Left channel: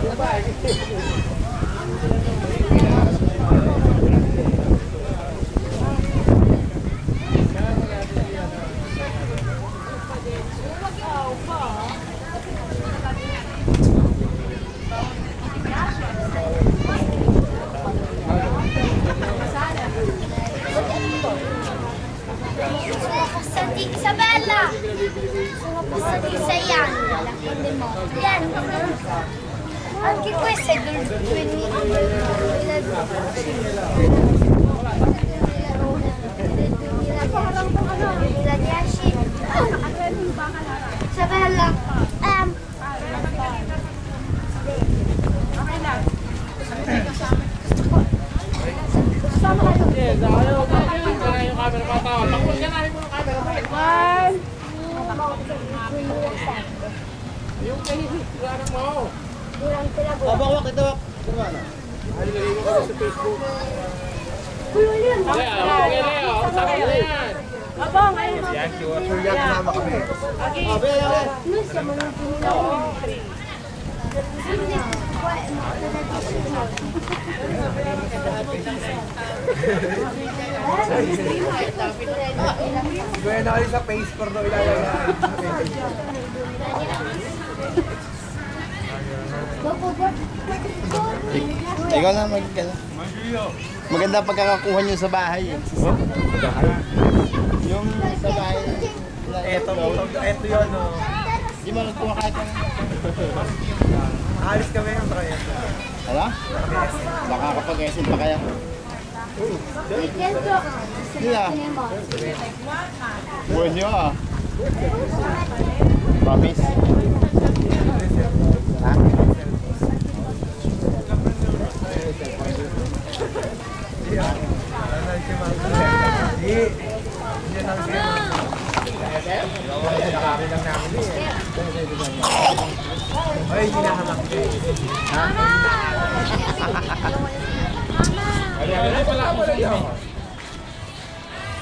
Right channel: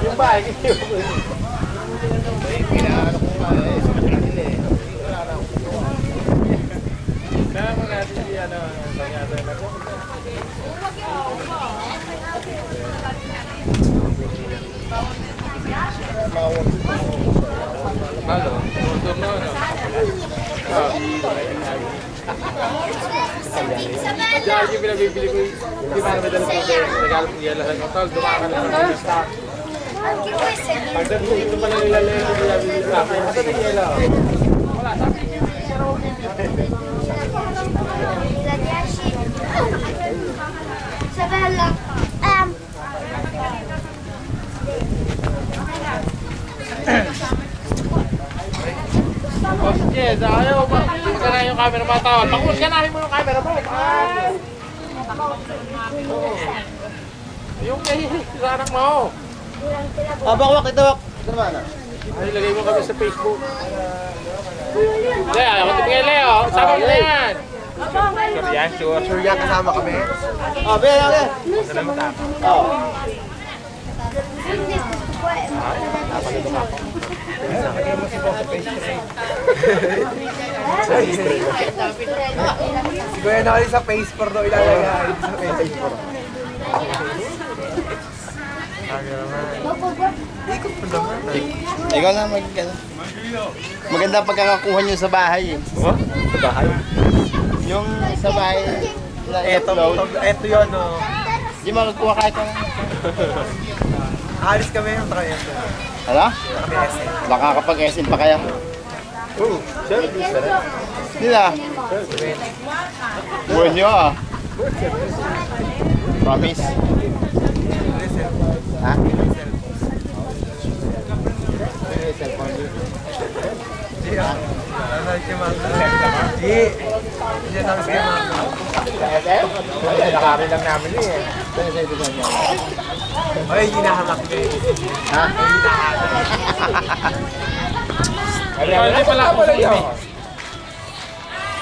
Yung bahay. Kaya mo natin yan ang Isabella! Saya! Anche questo è Isabella! Yes, ayaw. Pakinggan ka na yung camera pa tao. Pakinggan ka namin mo yung camera mo. Ay! Yung kay sa anak mo. Wak, ito wak. Ito naman ah. Ay, lagay mo kami sa Facebook. Leo, ako kay Leo. Sabi ko na yan. Yan, sure. Sure yan, kasama kami. Oh, be. Oh. Gaya na kayo sa face for daw ilalagay. Ikaw na maganda pagkakakuha nyo sa bahay eh. Oh, sa bahay. Yung sa bahay. Ito yun, oh. Di mo nagkuha kahit ano. Alis kami yung tayo. Ano? Baka kapag SM pa kaya. Hindi na. Buwan nyo ah. Promise. Ha? Nakari lang namin eh. Ay, hinahamak ko eh. Ha? Hindi pala ako sa iyo.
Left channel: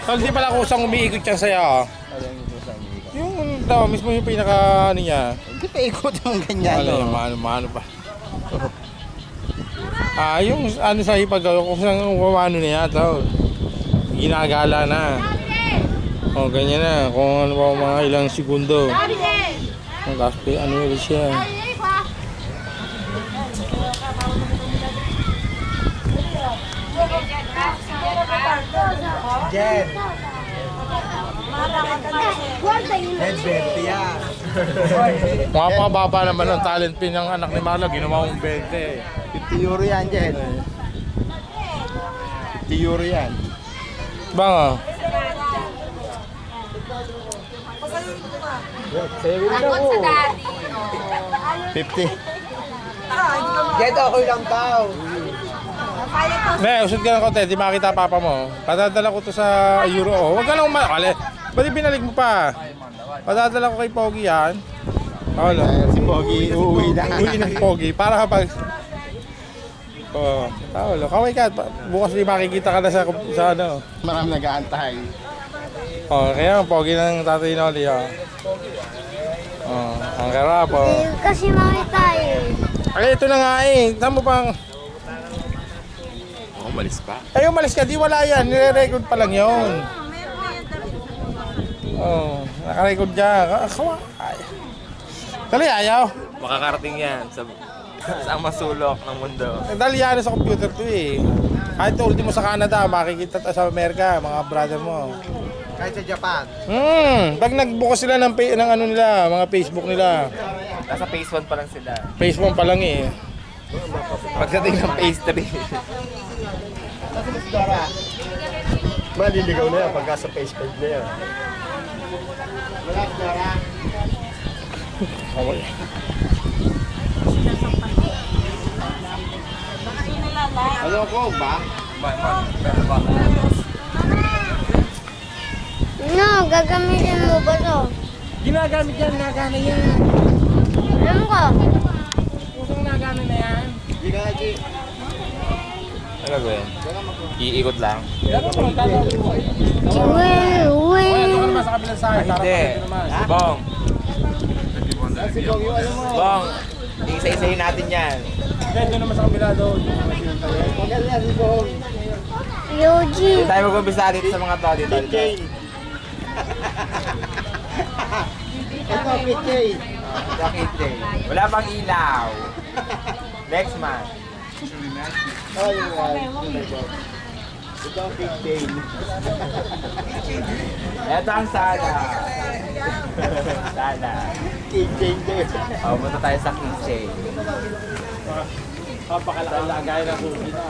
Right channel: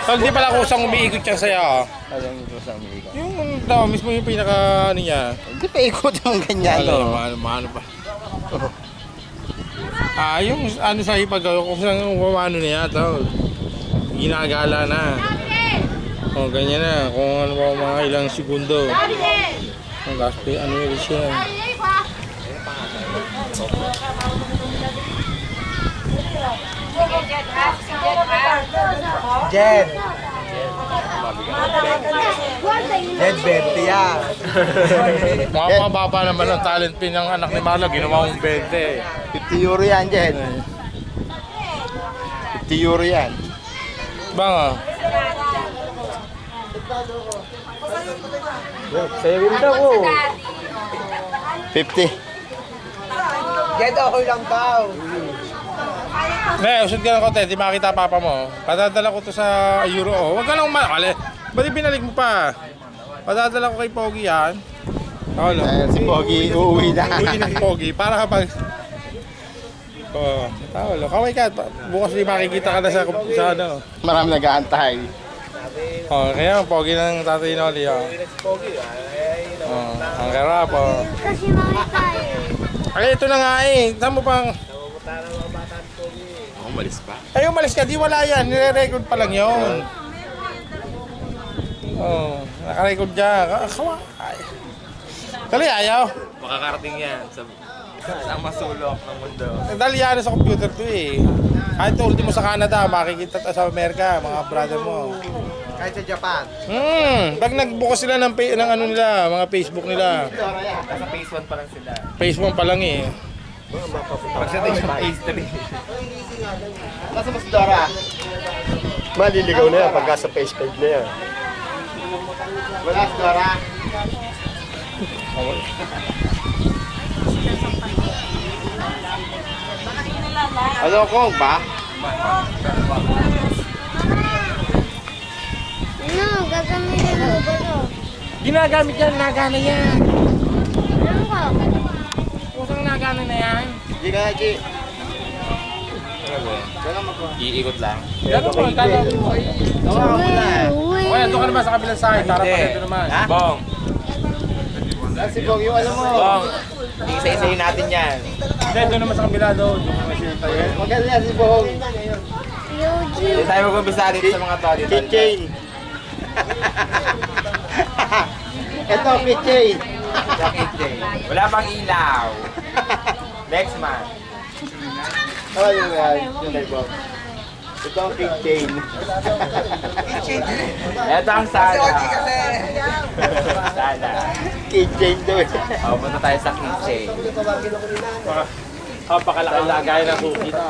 Hindi pala kusang umiikot siya sa'yo. Alam niyo sa umiikot. Yung daw, mismo yung pinaka ano niya. Hindi pa ikot yung ganyan. Ano pa. Yung ano sa ipag, kung saan umano niya ito. Ginagala na. O, ganyan na. Kung ano pa mga ilang segundo. Ang gaspi, ano yun siya. Jen! Jen, 20 yan. Mga baba naman ang talent pin ng anak ni Marla. Ginawa mong 20. 50 euro yan, Jen. 50 euro yan. Banga. Sa'yo daw ko. 50. Jen, okay lang daw. Ne, usod ka ng konti, di makita papa mo. Padadala ko to sa Euro. Oh, huwag ka lang umakali. Ba't binalik mo pa? Padadala ko kay Pogi yan. Tawalo. Si Pogi uuwi na. Uwi ng Pogi para kapag... Oh, tawalo. Kaway ka. Bukas di makikita ka na sa ano. Marami nag-aantay. Oh, kaya ang Pogi ng Tatay Noli. Oh, ang karap. Oh. Kasi makita eh. Ay, ito na nga eh. Saan mo pang... Umalis pa? Ay, umalis ka. Di wala yan. Nire-record pa lang yun. Oh, naka-record dyan. Kaway. Kali, ayaw. Makakarating yan sa masulok ng mundo. Dahil yan sa computer to eh. Kahit ultimo sa Canada, makikita sa Amerika, mga brother mo. Kahit sa Japan. Pag nagbukas sila ng ano nila, mga Facebook nila. Nasa phase 1 pa lang sila. Facebook pa lang eh. Pagdating ng phase 3. Nasa mas Dora? Maliligaw na yan pagka sa face page na yan. Wala si Dora. Okay. Ano kong ba? No, gagamitin mo ba to? Ginagamit yan, nagana yan. Alam ko. Kusang nagana na yan. Di ka na, G. Ano ba yun? Iikot lang. Gano'n mo, gagawin mo. Uy, uy. Okay, doon ka naman sa kabilang side. Para Hindi. pa ito naman. Bong! Kasi Bong, yung ano mo. Bong, isa-isahin natin yan. Hindi, doon naman sa kabila doon. Doon naman siya tayo. Maganda si Bong. Yoji. Hindi tayo mag-umpisa dito sa mga to. Dito. Keychain. Ito, keychain. Bakit eh? Wala pang ilaw. Next man. Oh, yung kay Bong. Ito ang keychain. Ito ang sala. Sala. Keychain doon. O, punta tayo sa kitchen. Papakalaki-lagay na cookie na.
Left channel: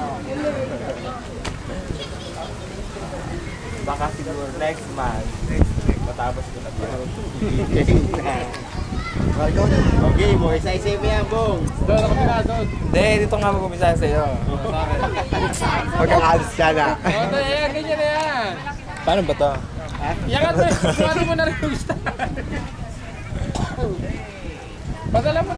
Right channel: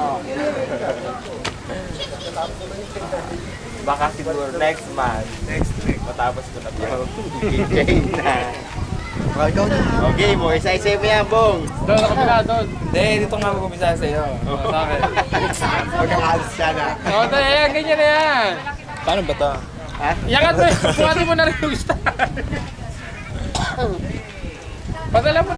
Baka siguro next month. Next week. Matapos ko na po. Keychain na. Okay, mo. Isa-isa mo yan, Bong. Doon sa kabila doon. Hindi, dito nga mag-umpisa sa'yo. Sa akin. Magkakalis ka na. O, ito yan, ganyan na yan. Paano ba to? Iyangat mo, buhatin mo na rin yung star. Padala mo